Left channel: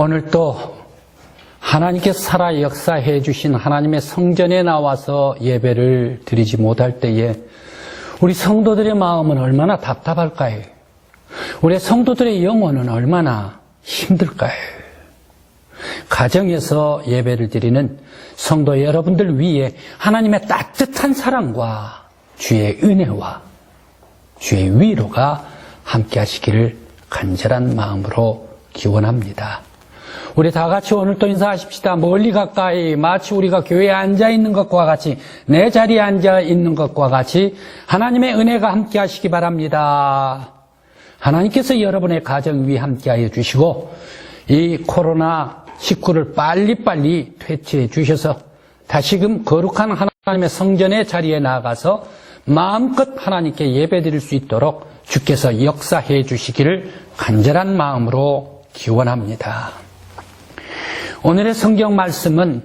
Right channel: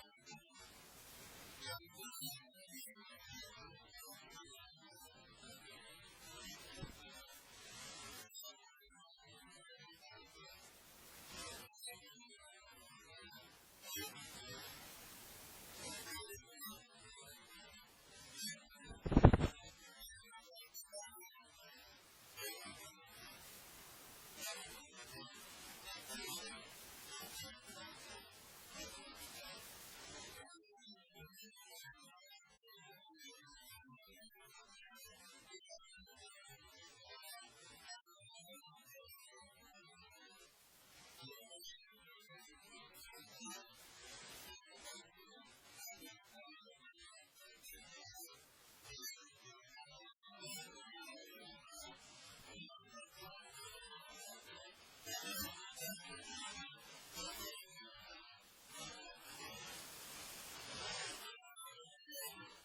오늘 또 하나님께서 살아 역사해 주신 하나님의 성전에 나와서 예배를 드리지 못할 때에 우리 성도들의 마음은 얼마나 답답할까요? 우리 성도들의 영혼은 얼마나 힘들까요? 가정에서 예배를 드리는 성도 여러분들 위에 하나님의 따뜻한 사랑과 주의 은혜와 주의 위로가 함께 하시기를 간절한 마음으로 기원합니다. 우리 다 같이 오늘 또 인사하십시다. 멀리 가까이 마치 우리가 교회에 앉아 있는 것과 같이 내 자리에 앉아 있는 것과 같이 하나님의 은혜가 함께 하시기 바랍니다. 하나님께서 여러분의 가정 위에 함께 하여 주시고 이 코로나19를 빨리빨리 퇴치해 주셔서 다시금 거룩한 하나님의 성전의 자리에 나가서 마음껏 하나님께 예배드릴 수 있도록 주께서 역사해 주시기를 간절한 마음으로 기원합니다. 오늘의 성경 말씀은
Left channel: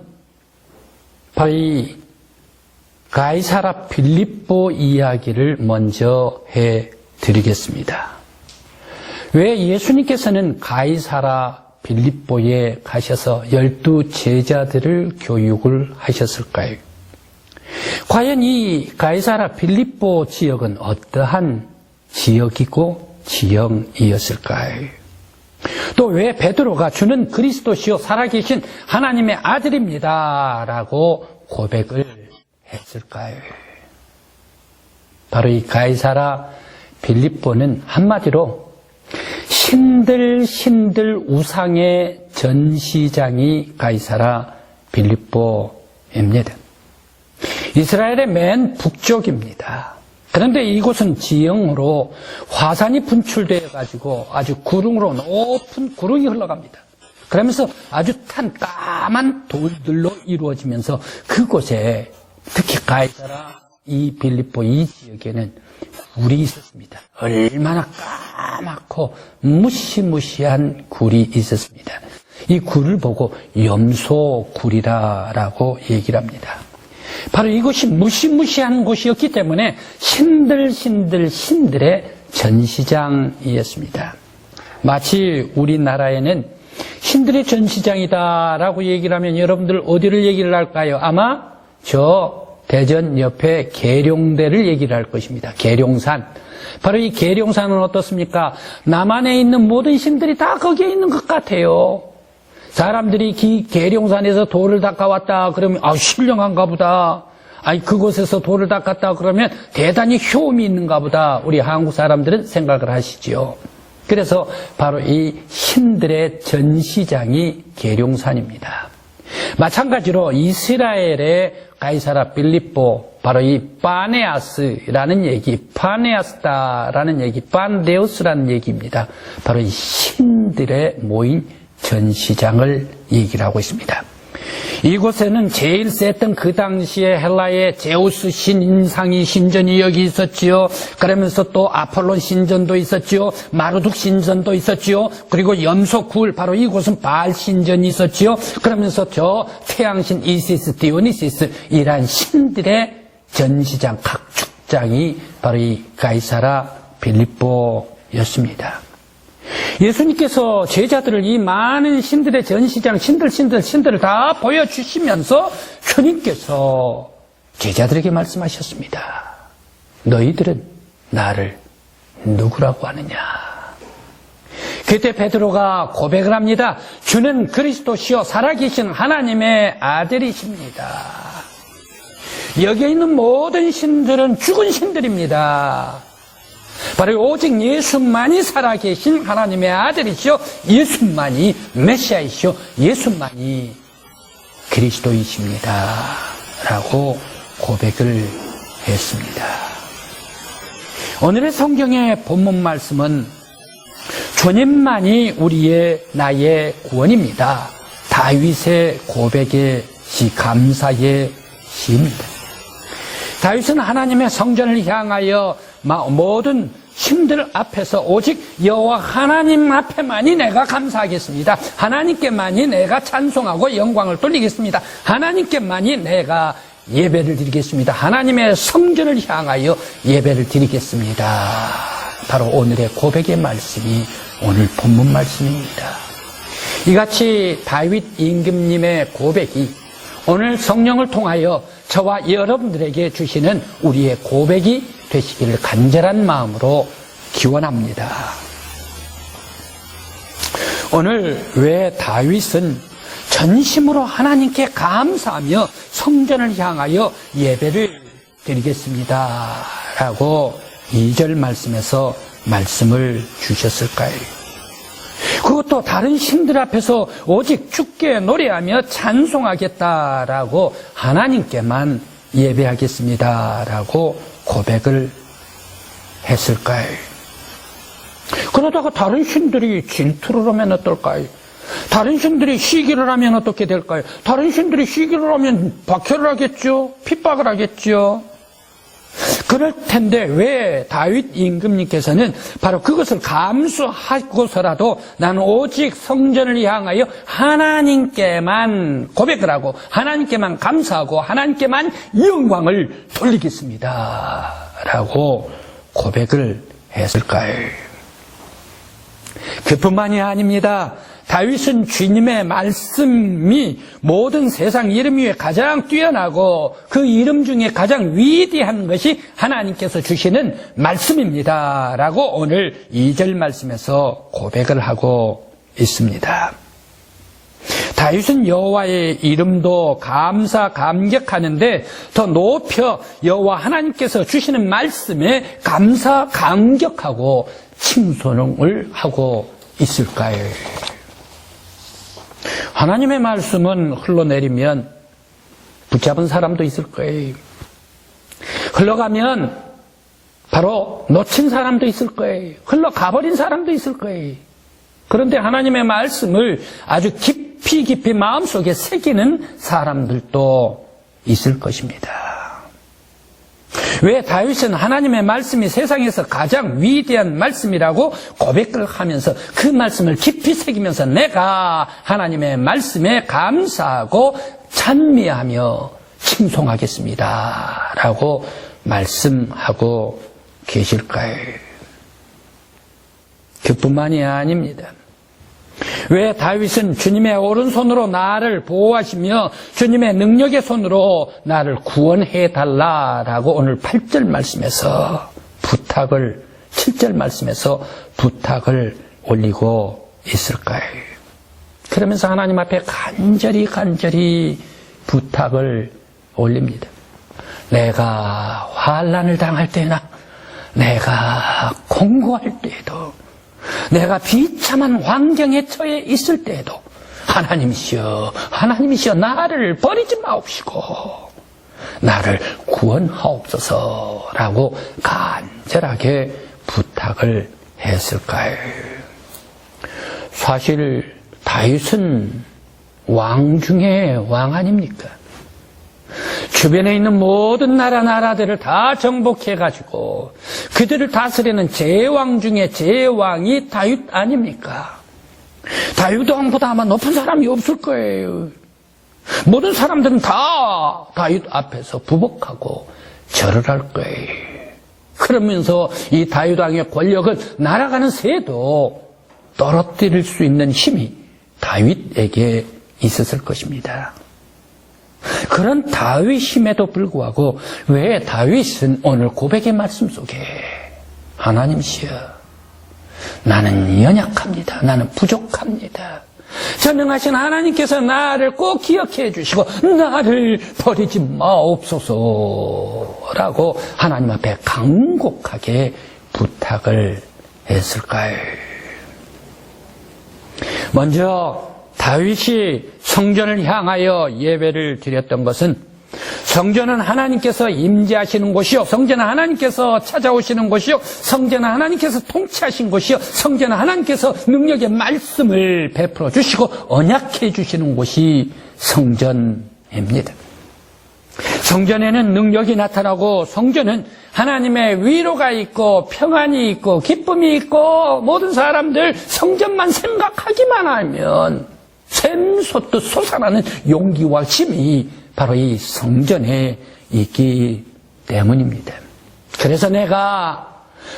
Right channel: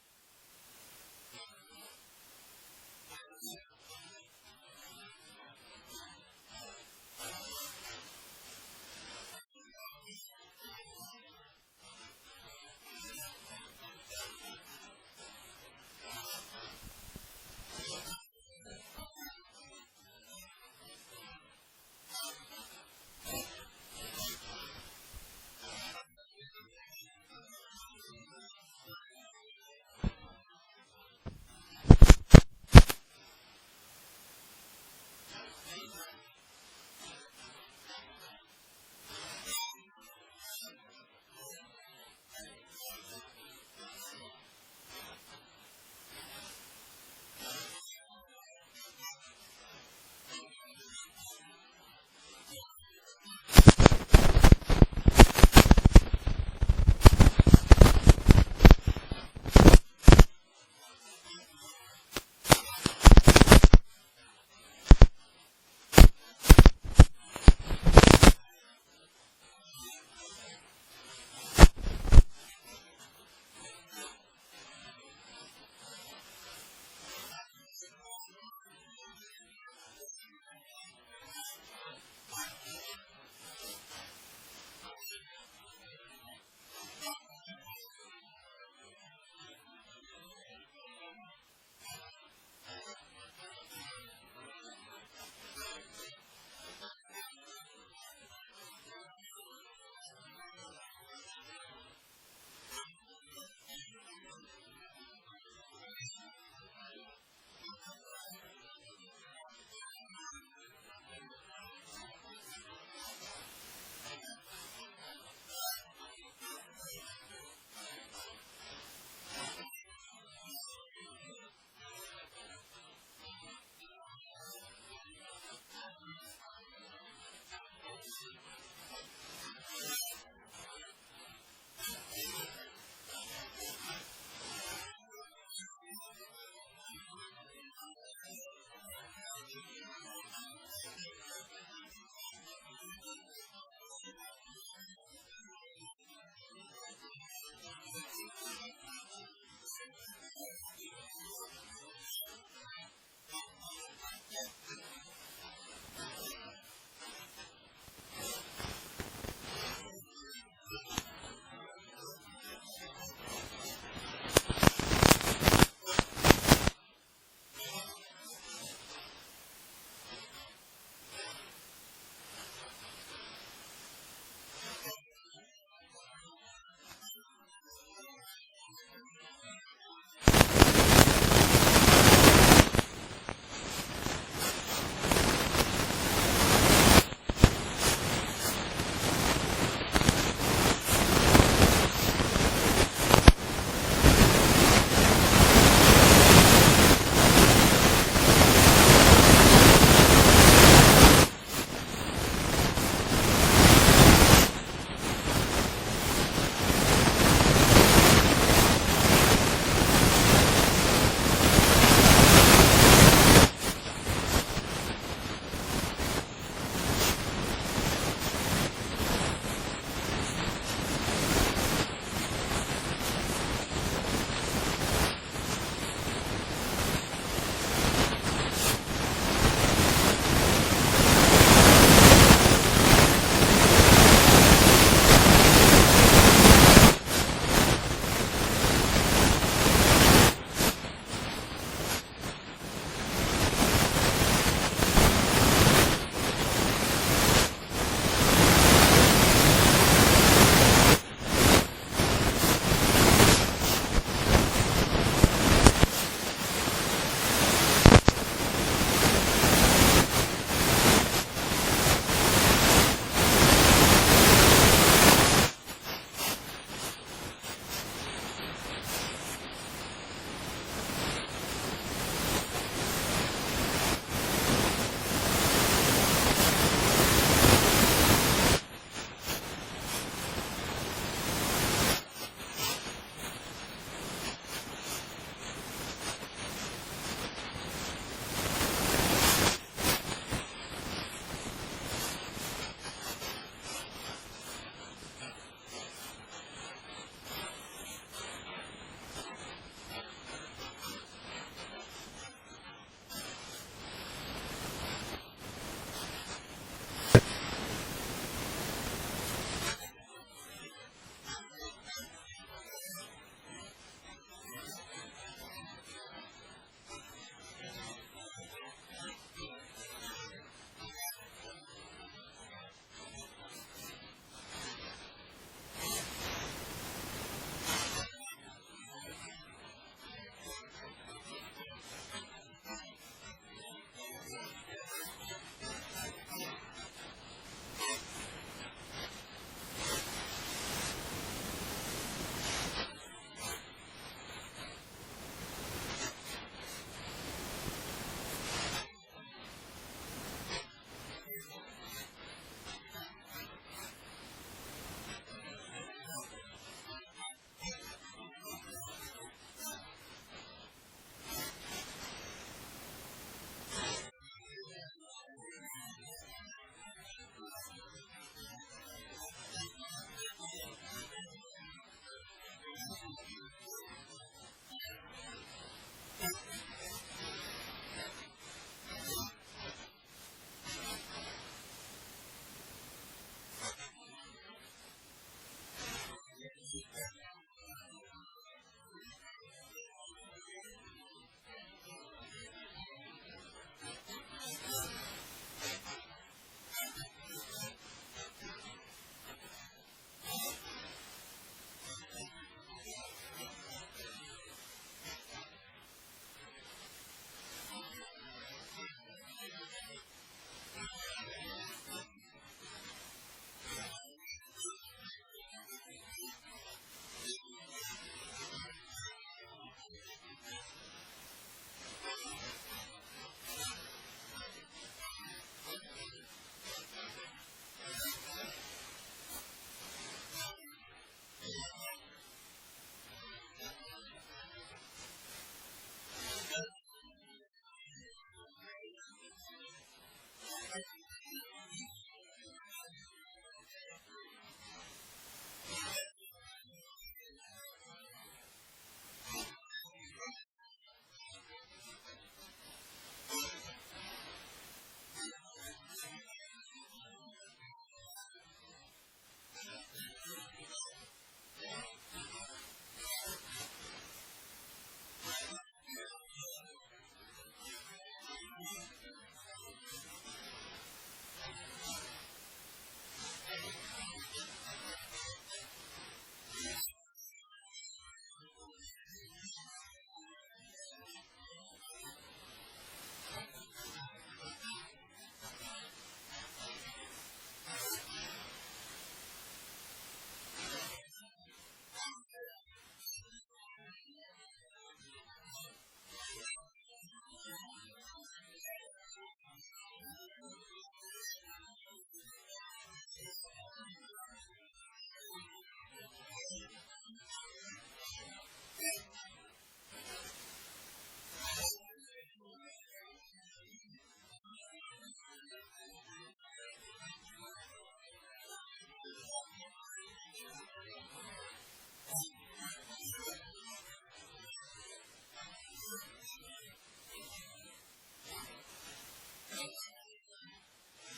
바로 이 가이사라 빌립보 이야기를 먼저 해드리겠습니다. 왜 예수님께서는 가이사라 빌립보에 가셔서 12 제자들을 교육을 하셨을까요? 과연 이 가이사라 빌립보 지역은 어떠한 지역이고 지형이었을까요? 또 왜 베드로가 주는 그리스도시요 살아계신 하나님의 아들입니다 라고 고백을 했을까요? 바로 이 가이사라 빌립보는 한마디로 신들 우상의 전시장이 가이사라 빌립보입니다. 이스라엘의 맨 북쪽입니다. 그런데 이곳은 지형으로 화산이 분출되어 가지고 아주 구릉으로 높은 구릉이 흘러갑니다. 그러면서 아주 탄 까만 돌들로 이루어지면서 그곳에 특히 가이사라 이 빌립보 이 지역에는 굴이 있었습니다. 얼마나 까맣고 무시무시한 굴이 있었습니다. 이 굴을 보고 염소굴이라고 얘기를 합니다. 바로 이곳이 무시무시한 곳이었기 때문에 신들의 전시장이었습니다. 마치 우리나라에는 신들의 전시장이다라고 얘기를 하면 여러분들 어디를 얘기를 할까요? 아마 저 대전 옆에 계룡대를 얘기를 할 것입니다. 계룡산. 바로 이 계룡산은 어떻습니까? 남한에 있는 모든 신들이 다 거기에 있는 것 같아요. 사람들이 계룡산에서 돌을 닦아왔다 그러면 신령한가 보다. 그곳에서 돌을 닦았다 그러면 대단히 효험이 있는가 보다. 우리 한국 사람들은 생각을 하시죠. 그래서 바로 이 신들의 전시장이 계룡산입니다. 마찬가지로 이스라엘의 가이사라 빌립보, 바로 이 파네아스라는 얘기, 파네아스다라는 얘기, 판데우스라는 얘기입니다. 바로 이 신들의 모인 전시장을 얘기를 하고 있습니다. 이곳에는 제일 셌던 그 당시에 헬라의 제우스 신상이 신전이 여기 있었지요. 그러면서 또 아폴론 신전도 있었지요. 마르둑 신전도 있었지요. 그리고 염소굴, 바로 이곳은 바알 신전이 있었지요. 그러면서 저 태양신 이시스, 디오니시스 이란 신들의 전시장, 각축장이 바로 이 가이사라 빌립보였습니다. 예수님께서 제자들을 이 많은 신들의 전시장, 신들을 다 보여주시면서 주님께서 제자들에게 말씀하셨습니다. 너희들은 나를 누구라고 하느냐? 그때 베드로가 고백을 합니다. 주는 그리스도시요 살아계신 하나님의 아들이십니다. 여기에 있는 모든 신들은 죽은 신들입니다. 바로 오직 예수만이 살아계신 하나님의 아들이시오. 예수만이 메시아이시오. 예수만이 그리스도이십니다. 라고 고백을 했습니다. 오늘의 성경의 본문 말씀은 주님만이 나의 구원입니다. 다윗의 고백의 감사의 신. 다윗은 하나님의 성전을 향하여 모든 신들 앞에서 오직 여호와 하나님 앞에만이 내가 감사하겠습니다. 하나님께만이 내가 찬송하고 영광을 돌리겠습니다. 하나님께만이 내가 예배를 드리겠습니다. 하나님의 성전을 향하여 예배를 드리겠습니다. 바로 오늘의 고백의 말씀, 오늘 본문 말씀입니다. 이같이 다윗 임금님의 고백이 오늘 성령을 통하여 저와 여러분들에게 주시는 우리의 고백이 되시기를 간절한 마음으로 기원합니다. 오늘 왜 다윗은 전심으로 하나님께 감사하며 성전을 향하여 예배를 드리겠습니다 라고 2절 말씀에서 말씀을 주셨을까요? 그것도 다른 신들 앞에서 오직 주께 노래하며 찬송하겠다라고 하나님께만 예배하겠습니다라고 고백을 했을까요? 그러다가 다른 신들이 질투를 하면 어떨까요? 다른 신들이 시기를 하면 어떻게 될까요? 다른 신들이 시기를 하면 박해를 하겠죠? 핍박을 하겠죠? 그럴 텐데 왜 다윗 임금님께서는 바로 그것을 감수하고서라도 나는 오직 성전을 향하여 하나님께만 고백을 하고 하나님께만 감사하고 하나님께만 영광을 돌리겠습니다 라고 고백을 했을까요? 그뿐만이 아닙니다. 다윗은 주님의 말씀이 모든 세상 이름 위에 가장 뛰어나고 그 이름 중에 가장 위대한 것이 하나님께서 주시는 말씀입니다 라고 오늘 2절 말씀에서 고백을 하고 있습니다. 다윗은 여호와의 이름도 감사감격하는데 더 높여 여호와 하나님께서 주시는 말씀에 감사감격하고 칭송을 하고 있을까요? 하나님의 말씀은 흘러내리면 붙잡은 사람도 있을 거예요. 흘러가면 바로 놓친 사람도 있을 거예요. 흘러가버린 사람도 있을 거예요. 그런데 하나님의 말씀을 아주 깊이 마음속에 새기는 사람들도 있을 것입니다. 왜 다윗은 하나님의 말씀이 세상에서 가장 위대한 말씀이라고 고백을 하면서 그 말씀을 깊이 새기면서 내가 하나님의 말씀에 감사하고 찬미하며 칭송하겠습니다 라고 말씀하고 계실까요? 그뿐만이 아닙니다. 왜 다윗은 주님의 오른손으로 나를 보호하시며 주님의 능력의 손으로 나를 구원해 달라라고 오늘 8절 말씀에서 7절 말씀에서 부탁을 올리고 있을까요? 그러면서 하나님 앞에 간절히 부탁을 올립니다. 내가 환난을 당할 때나 내가 공고할 때에도 내가 비참한 환경에 처해 있을 때에도 하나님이시여 나를 버리지 마옵시고 나를 구원하옵소서라고 간절하게 부탁을 했을까요? 사실 다윗은 왕 중에 왕 아닙니까? 주변에 있는 모든 나라들을 다 정복해가지고 그들을 다스리는 제왕 중에 제왕이 다윗 아닙니까? 다윗 왕보다 아마 높은 사람이 없을 거예요. 모든 사람들은 다 다윗 앞에서 부복하고 절을 할 거예요. 그러면서 이 다윗 왕의 권력은 날아가는 새도 떨어뜨릴 수 있는 힘이 다윗에게 있었을 것입니다. 그런 다윗임에도 불구하고 왜 다윗은 오늘 고백의 말씀 속에 하나님이시여 나는 연약합니다. 나는 부족합니다. 전능하신 하나님께서 나를 꼭 기억해 주시고 나를 버리지 마옵소서라고 하나님 앞에 간곡하게 부탁을 했을까요? 먼저 다윗이 성전을 향하여 예배를 드렸던 것은 성전은 하나님께서 임재하시는 곳이요, 성전은 하나님께서 찾아오시는 곳이요, 성전은 하나님께서 통치하신 곳이요, 성전은 하나님께서 능력의 말씀을 베풀어 주시고 언약해 주시는 곳이 성전입니다. 성전에는 능력이 나타나고 성전은 하나님의 위로가 있고 평안이 있고 기쁨이 있고 모든 사람들 성전만 생각하기만 하면 샘솟듯 솟아나는 용기와 힘이 바로 이 성전에 있기 때문입니다. 그래서 내가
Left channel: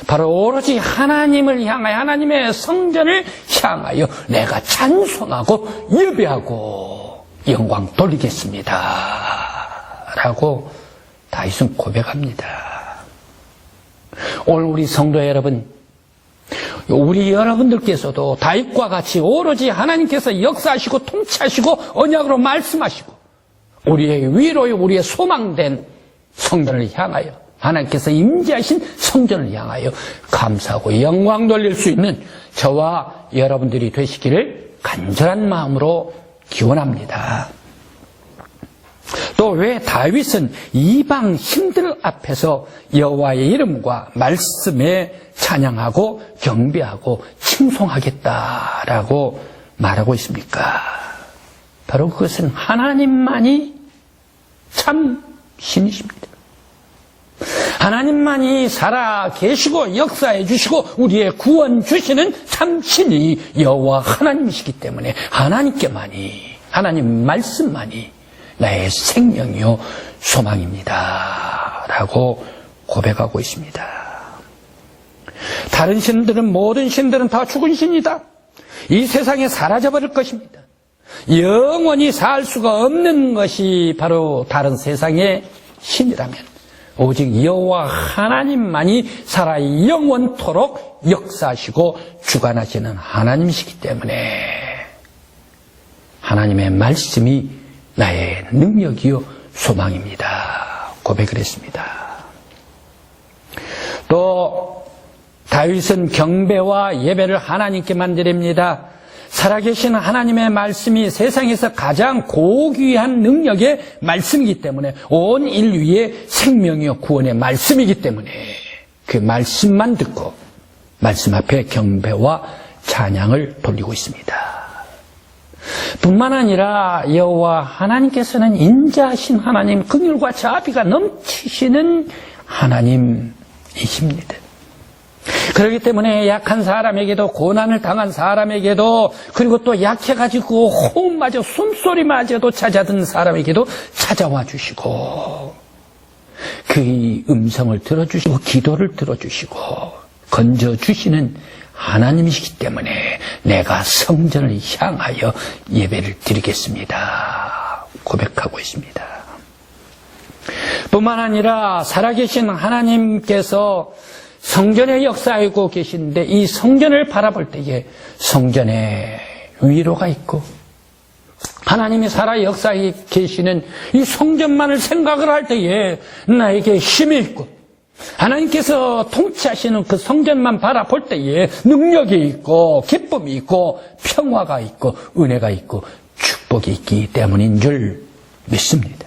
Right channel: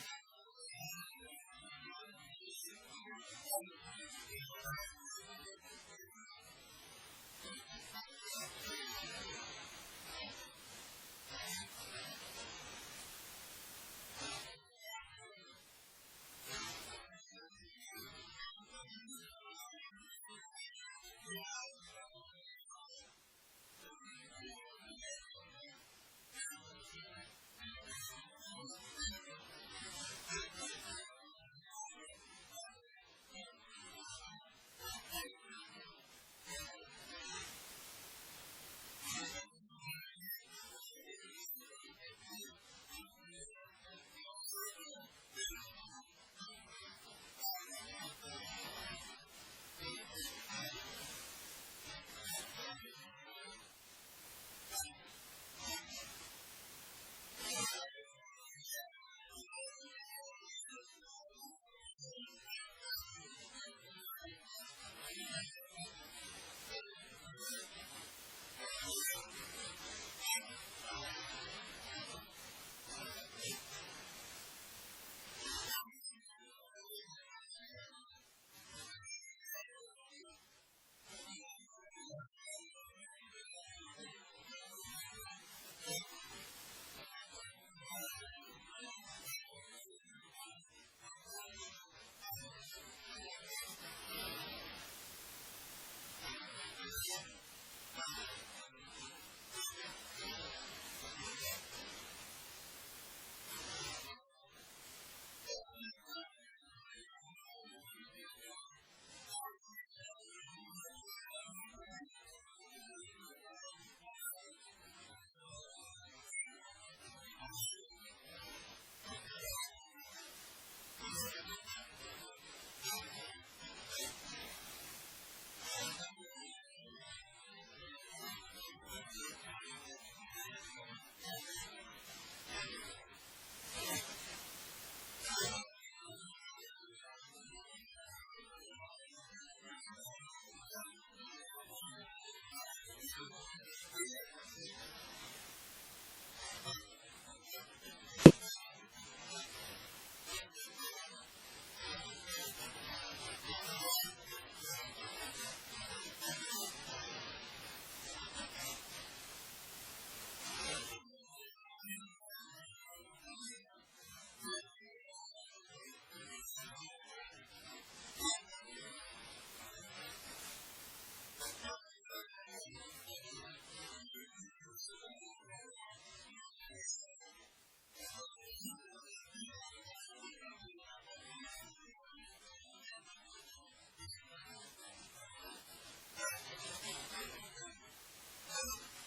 바로 오로지 하나님을 향하여, 하나님의 성전을 향하여 내가 찬송하고 예배하고 영광 돌리겠습니다 라고 다윗은 고백합니다. 오늘 우리 성도 여러분, 우리 여러분들께서도 다윗과 같이 오로지 하나님께서 역사하시고 통치하시고 언약으로 말씀하시고 우리의 위로요, 우리의 소망된 성전을 향하여, 하나님께서 임재하신 성전을 향하여 감사하고 영광 돌릴 수 있는 저와 여러분들이 되시기를 간절한 마음으로 기원합니다. 또 왜 다윗은 이방 신들 앞에서 여호와의 이름과 말씀에 찬양하고 경배하고 칭송하겠다라고 말하고 있습니까? 바로 그것은 하나님만이 참 신이십니다. 하나님만이 살아 계시고 역사해 주시고 우리의 구원 주시는 참 신이 여호와 하나님이시기 때문에 하나님께만이, 하나님 말씀만이 나의 생명이요 소망입니다 라고 고백하고 있습니다. 다른 신들은, 모든 신들은 다 죽은 신이다. 이 세상에 사라져버릴 것입니다. 영원히 살 수가 없는 것이 바로 다른 세상의 신이라면 오직 여호와 하나님만이 살아 영원토록 역사하시고 주관하시는 하나님이시기 때문에 하나님의 말씀이 나의 능력이요 소망입니다 고백을 했습니다. 또 다윗은 경배와 예배를 하나님께만 드립니다. 살아계신 하나님의 말씀이 세상에서 가장 고귀한 능력의 말씀이기 때문에, 온 인류의 생명이요 구원의 말씀이기 때문에 그 말씀만 듣고 말씀 앞에 경배와 찬양을 돌리고 있습니다. 뿐만 아니라 여호와 하나님께서는 인자하신 하나님, 긍휼과 자비가 넘치시는 하나님이십니다. 그렇기 때문에 약한 사람에게도, 고난을 당한 사람에게도, 그리고 또 약해가지고 호흡마저, 숨소리마저도 찾아든 사람에게도 찾아와 주시고 그의 음성을 들어주시고 기도를 들어주시고 건져주시는 하나님이시기 때문에 내가 성전을 향하여 예배를 드리겠습니다 고백하고 있습니다. 뿐만 아니라 살아계신 하나님께서 성전에 역사하고 계신데 이 성전을 바라볼 때에 성전에 위로가 있고, 하나님이 살아 역사에 계시는 이 성전만을 생각을 할 때에 나에게 힘이 있고, 하나님께서 통치하시는 그 성전만 바라볼 때에 능력이 있고 기쁨이 있고 평화가 있고 은혜가 있고 축복이 있기 때문인 줄 믿습니다.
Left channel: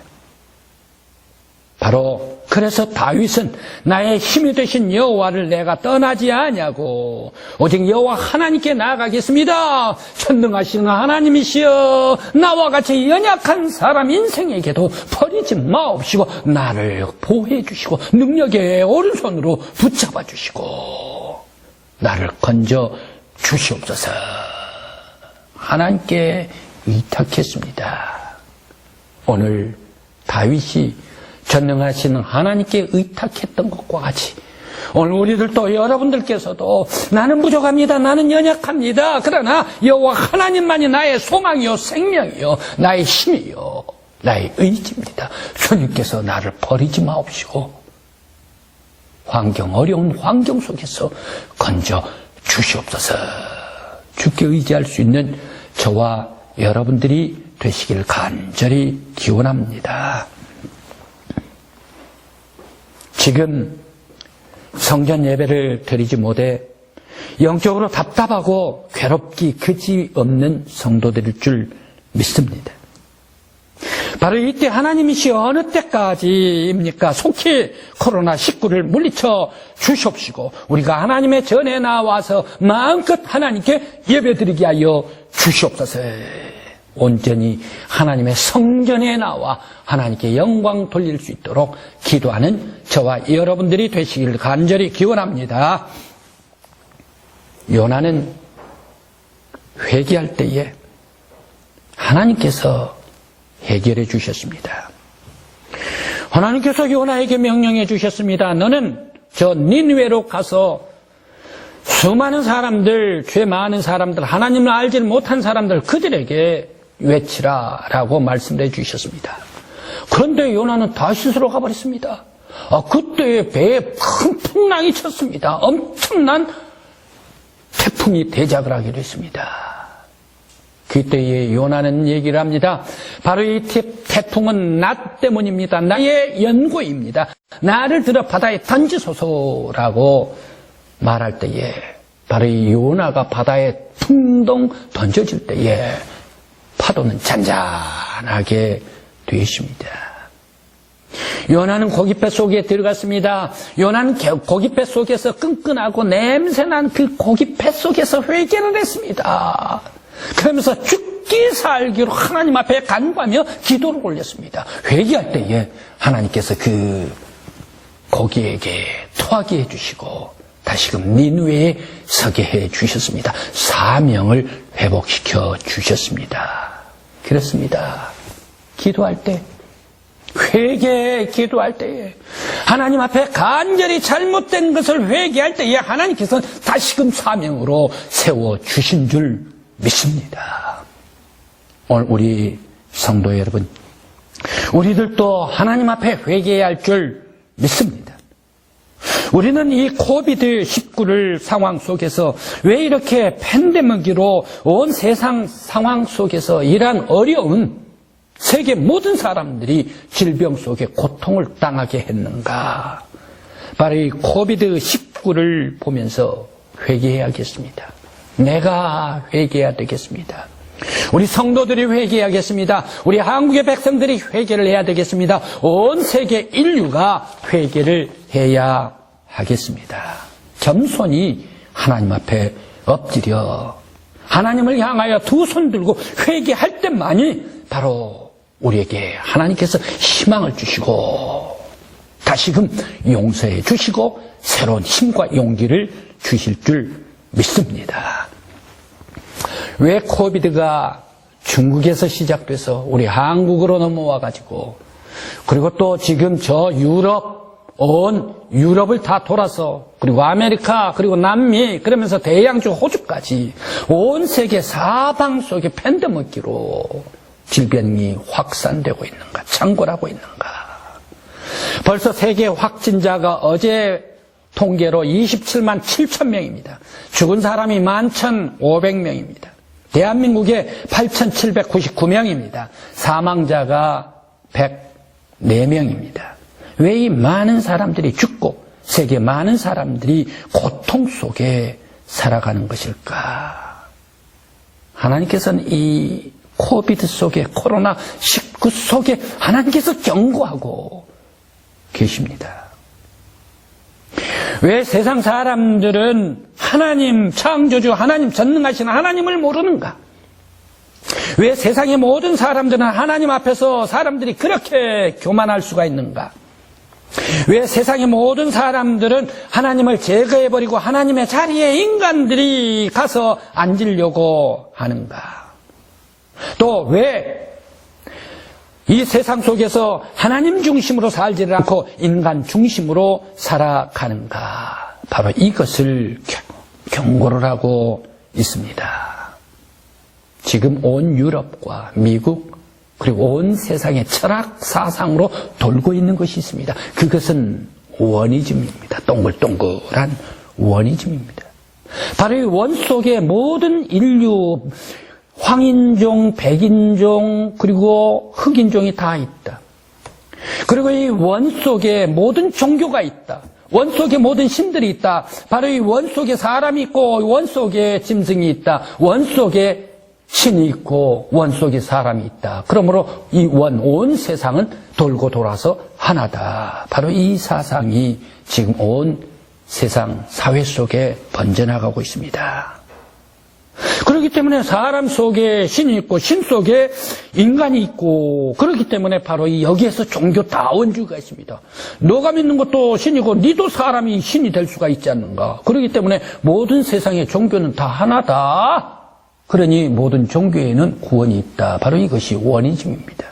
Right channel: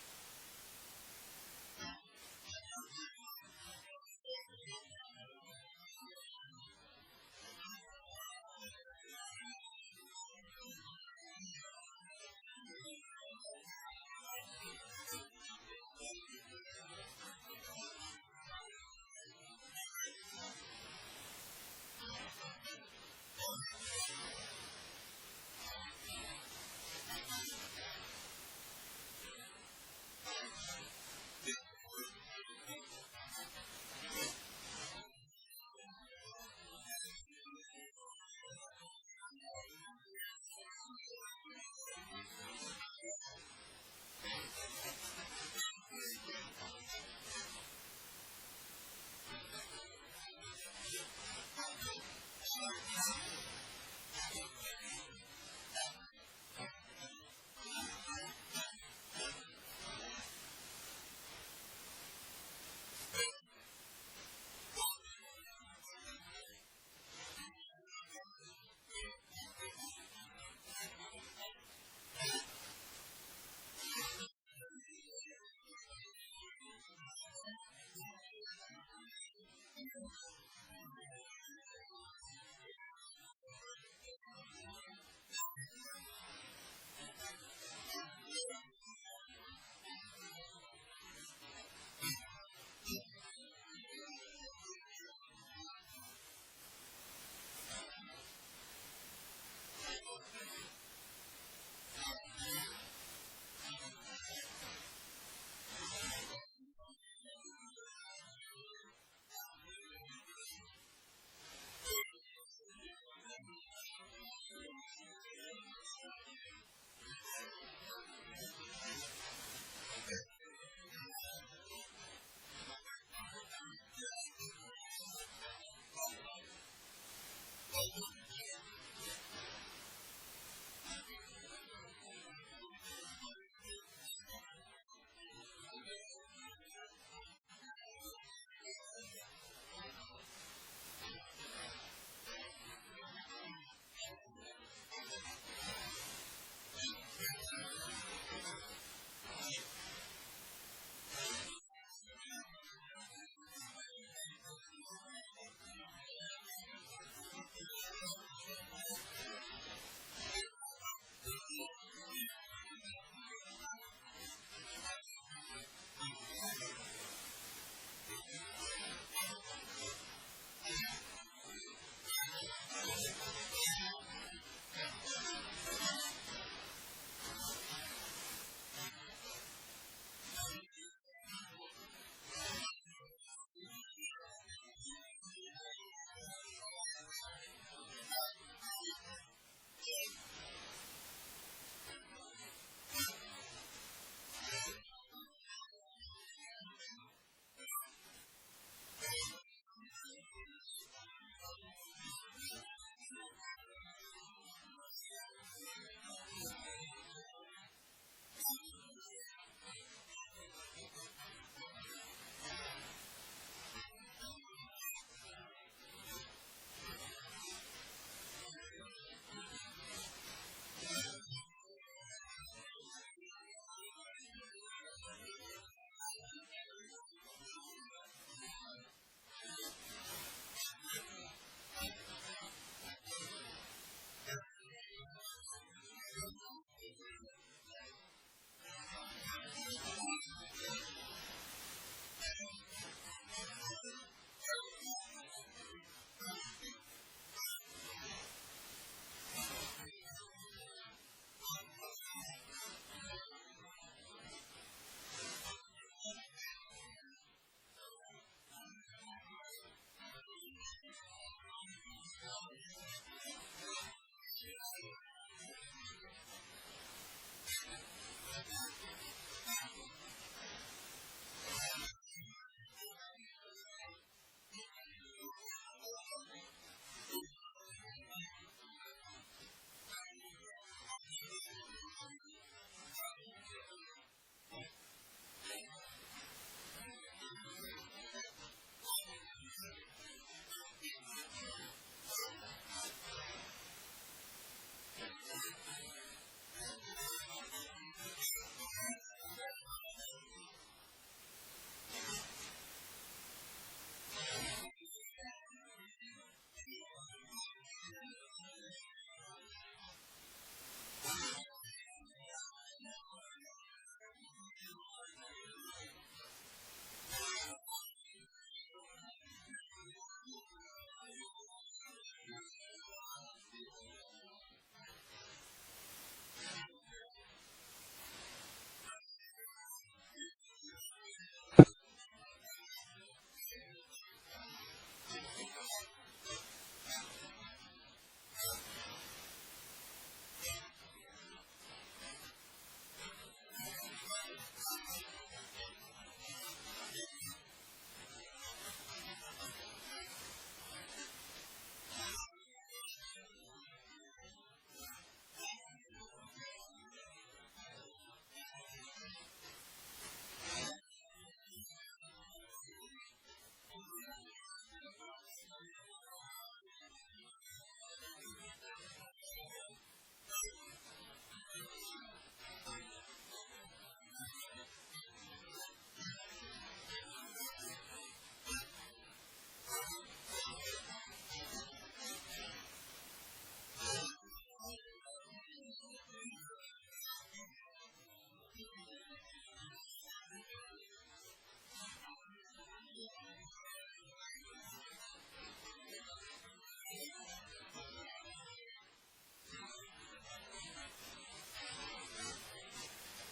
바로 그래서 다윗은 나의 힘이 되신 여호와를 내가 떠나지 아니하고 오직 여호와 하나님께 나아가겠습니다. 전능하시는 하나님이시여, 나와 같이 연약한 사람 인생에게도 버리지 마옵시고 나를 보호해 주시고 능력의 오른손으로 붙잡아 주시고 나를 건져 주시옵소서. 하나님께 의탁했습니다. 오늘 다윗이 전능하시는 하나님께 의탁했던 것과 같이 오늘 우리들도, 여러분들께서도 나는 부족합니다, 나는 연약합니다, 그러나 여호와 하나님만이 나의 소망이요 생명이요 나의 힘이요 나의 의지입니다. 주님께서 나를 버리지 마옵시고 어려운 환경 속에서 건져 주시옵소서. 주께 의지할 수 있는 저와 여러분들이 되시기를 간절히 기원합니다. 지금 성전 예배를 드리지 못해 영적으로 답답하고 괴롭기 그지없는 성도들일 줄 믿습니다. 바로 이때 하나님이시 어느 때까지입니까? 속히 코로나19를 물리쳐 주시옵시고 우리가 하나님의 전에 나와서 마음껏 하나님께 예배드리게 하여 주시옵소서. 온전히 하나님의 성전에 나와 하나님께 영광 돌릴 수 있도록 기도하는 저와 여러분들이 되시기를 간절히 기원합니다. 요나는 회개할 때에 하나님께서 해결해 주셨습니다. 하나님께서 요나에게 명령해 주셨습니다. 너는 저 니느웨로 가서 수많은 사람들, 죄 많은 사람들, 하나님을 알지 못한 사람들 그들에게 외치라라고 말씀을 해주셨습니다. 그런데 요나는 다시스로 가버렸습니다. 그때 배에 큰 풍랑이 쳤습니다. 엄청난 태풍이 대작을 하기로 했습니다. 그때에 요나는 얘기를 합니다. 바로 이 태풍은 나 때문입니다. 나의 연고입니다. 나를 들어 바다에 던지소서라고 말할 때에 바로 이 요나가 바다에 퉁동 던져질 때에 파도는 잔잔하게 되십니다. 요나는 고깃배 속에 들어갔습니다. 요나는 고깃배 속에서 끈끈하고 냄새난 그 고깃배 속에서 회개를 했습니다. 그러면서 죽기 살기로 하나님 앞에 간구하며 기도를 올렸습니다. 회개할 때에 하나님께서 그 고기에게 토하게 해주시고 다시금 니느웨에 서게 해주셨습니다. 사명을 회복시켜 주셨습니다. 그렇습니다. 기도할 때, 기도할 때에 하나님 앞에 간절히 잘못된 것을 회개할 때에 하나님께서는 다시금 사명으로 세워주신 줄 믿습니다. 오늘 우리 성도 여러분, 우리들도 하나님 앞에 회개해야 할 줄 믿습니다. 우리는 이 코비드-19를 상황 속에서 왜 이렇게 팬데믹으로 온 세상 상황 속에서 이러한 어려운 세계 모든 사람들이 질병 속에 고통을 당하게 했는가? 바로 이 코비드-19를 보면서 회개해야겠습니다. 내가 회개해야 되겠습니다. 우리 성도들이 회개해야겠습니다. 우리 한국의 백성들이 회개를 해야 되겠습니다. 온 세계 인류가 회개를 해야 하겠습니다. 겸손히 하나님 앞에 엎드려 하나님을 향하여 두 손 들고 회개할 때만이 바로 우리에게 하나님께서 희망을 주시고 다시금 용서해 주시고 새로운 힘과 용기를 주실 줄 믿습니다. 왜 코비드가 중국에서 시작돼서 우리 한국으로 넘어와 가지고 그리고 또 지금 저 온 유럽을 다 돌아서 그리고 아메리카 그리고 남미 그러면서 대양주 호주까지 온 세계 사방 속에 팬데믹으로 질병이 확산되고 있는가, 창궐하고 있는가. 벌써 세계 확진자가 어제 통계로 27만 7천 명입니다. 죽은 사람이 11,500명입니다. 대한민국에 8,799명입니다. 사망자가 104명입니다. 왜 이 많은 사람들이 죽고 세계 많은 사람들이 고통 속에 살아가는 것일까? 하나님께서는 이 코비드 속에 코로나19 속에 하나님께서 경고하고 계십니다. 왜 세상 사람들은 하나님 창조주 하나님 전능하신 하나님을 모르는가? 왜 세상의 모든 사람들은 하나님 앞에서 사람들이 그렇게 교만할 수가 있는가? 왜 세상의 모든 사람들은 하나님을 제거해버리고 하나님의 자리에 인간들이 가서 앉으려고 하는가? 또 왜 이 세상 속에서 하나님 중심으로 살지를 않고 인간 중심으로 살아가는가? 바로 이것을 경고를 하고 있습니다. 지금 온 유럽과 미국 그리고 온 세상의 철학 사상으로 돌고 있는 것이 있습니다. 그것은 원이즘입니다. 동글동글한 원이즘입니다. 바로 이 원 속에 모든 인류 황인종, 백인종, 그리고 흑인종이 다 있다. 그리고 이 원 속에 모든 종교가 있다. 원 속에 모든 신들이 있다. 바로 이 원 속에 사람이 있고 원 속에 짐승이 있다. 원 속에 신이 있고 원 속에 사람이 있다. 그러므로 이 온 세상은 돌고 돌아서 하나다. 바로 이 사상이 지금 온 세상 사회 속에 번져나가고 있습니다. 그렇기 때문에 사람 속에 신이 있고 신 속에 인간이 있고 그렇기 때문에 바로 이 여기에서 종교 다원주의가 있습니다. 너가 믿는 것도 신이고 니도 사람이 신이 될 수가 있지 않는가. 그렇기 때문에 모든 세상의 종교는 다 하나다. 그러니 모든 종교에는 구원이 있다. 바로 이것이 원이즘입니다.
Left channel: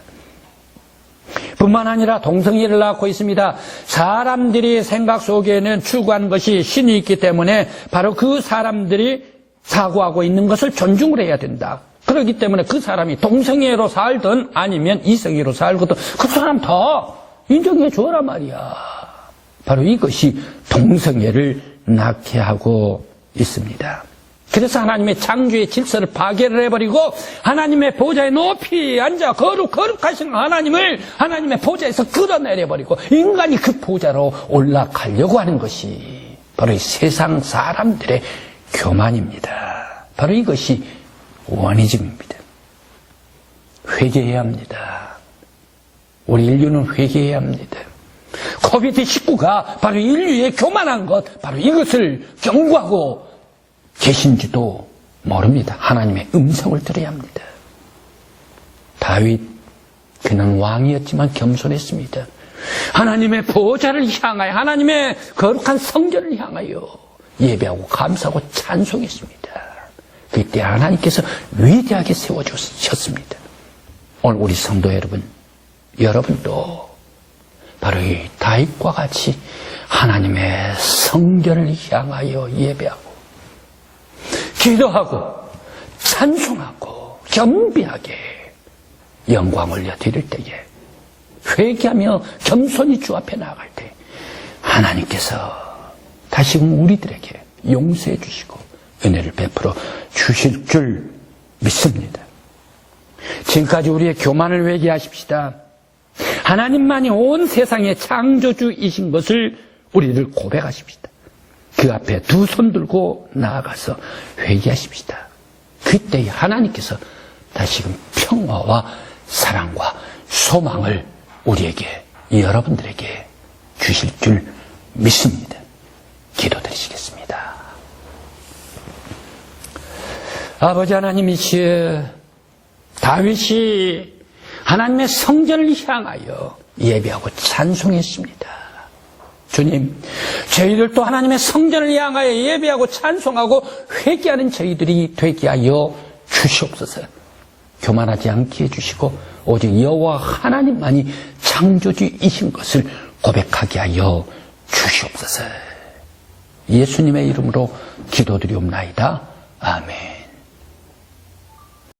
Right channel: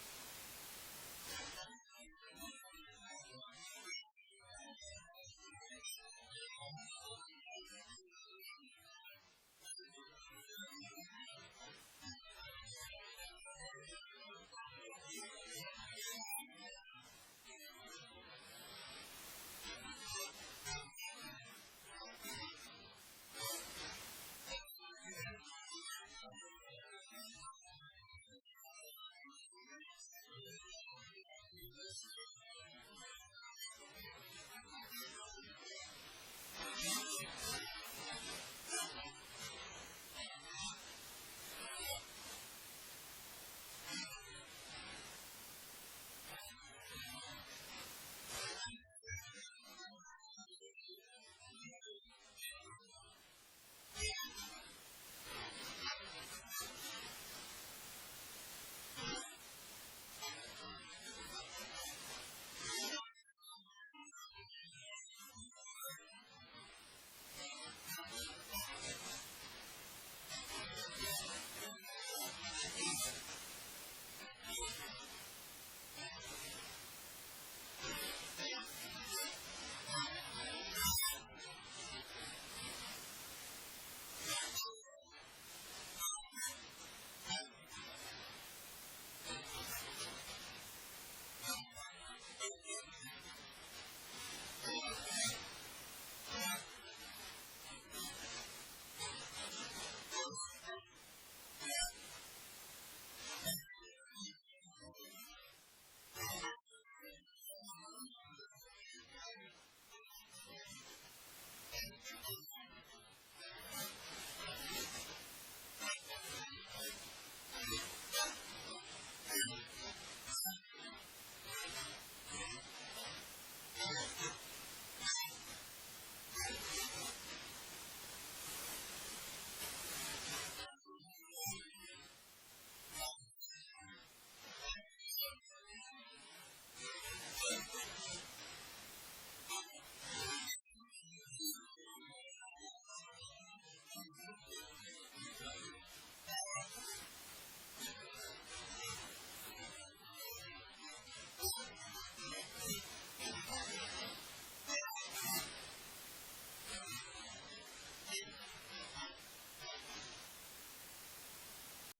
뿐만 아니라 동성애를 낳고 있습니다. 사람들이 생각 속에는 추구하는 것이 신이 있기 때문에 바로 그 사람들이 사고하고 있는 것을 존중을 해야 된다. 그렇기 때문에 그 사람이 동성애로 살든 아니면 이성애로 살거든 그 사람 다 인정해 줘라 말이야. 바로 이것이 동성애를 낳게 하고 있습니다. 그래서 하나님의 창조의 질서를 파괴를 해버리고 하나님의 보좌에 높이 앉아 거룩하신 하나님을 하나님의 보좌에서 끌어내려버리고 인간이 그 보좌로 올라가려고 하는 것이 바로 이 세상 사람들의 교만입니다. 바로 이것이 원이즘입니다. 회개해야 합니다. 우리 인류는 회개해야 합니다. 코비드19가 바로 인류의 교만한 것, 바로 이것을 경고하고 계신지도 모릅니다. 하나님의 음성을 들어야 합니다. 다윗, 그는 왕이었지만 겸손했습니다. 하나님의 보좌를 향하여, 하나님의 거룩한 성전을 향하여 예배하고 감사하고 찬송했습니다. 그때 하나님께서 위대하게 세워주셨습니다. 오늘 우리 성도 여러분, 여러분도 바로 이 다윗과 같이 하나님의 성전을 향하여 예배하고 기도하고 찬송하고 겸비하게 영광 올려드릴 때에 회개하며 겸손히 주 앞에 나아갈 때 하나님께서 다시금 우리들에게 용서해 주시고 은혜를 베풀어 주실 줄 믿습니다. 지금까지 우리의 교만을 회개하십시다. 하나님만이 온 세상의 창조주이신 것을 우리를 고백하십시다. 그 앞에 두 손 들고 나아가서 회개하십시다. 그때 하나님께서 다시금 평화와 사랑과 소망을 우리에게, 여러분들에게 주실 줄 믿습니다. 기도드리시겠습니다. 아버지 하나님이시여, 다윗이 하나님의 성전을 향하여 예배하고 찬송했습니다. 주님, 저희들도 하나님의 성전을 향하여 예배하고 찬송하고 회개하는 저희들이 되게 하여 주시옵소서. 교만하지 않게 해주시고 오직 여호와 하나님만이 창조주이신 것을 고백하게 하여 주시옵소서. 예수님의 이름으로 기도드리옵나이다. 아멘.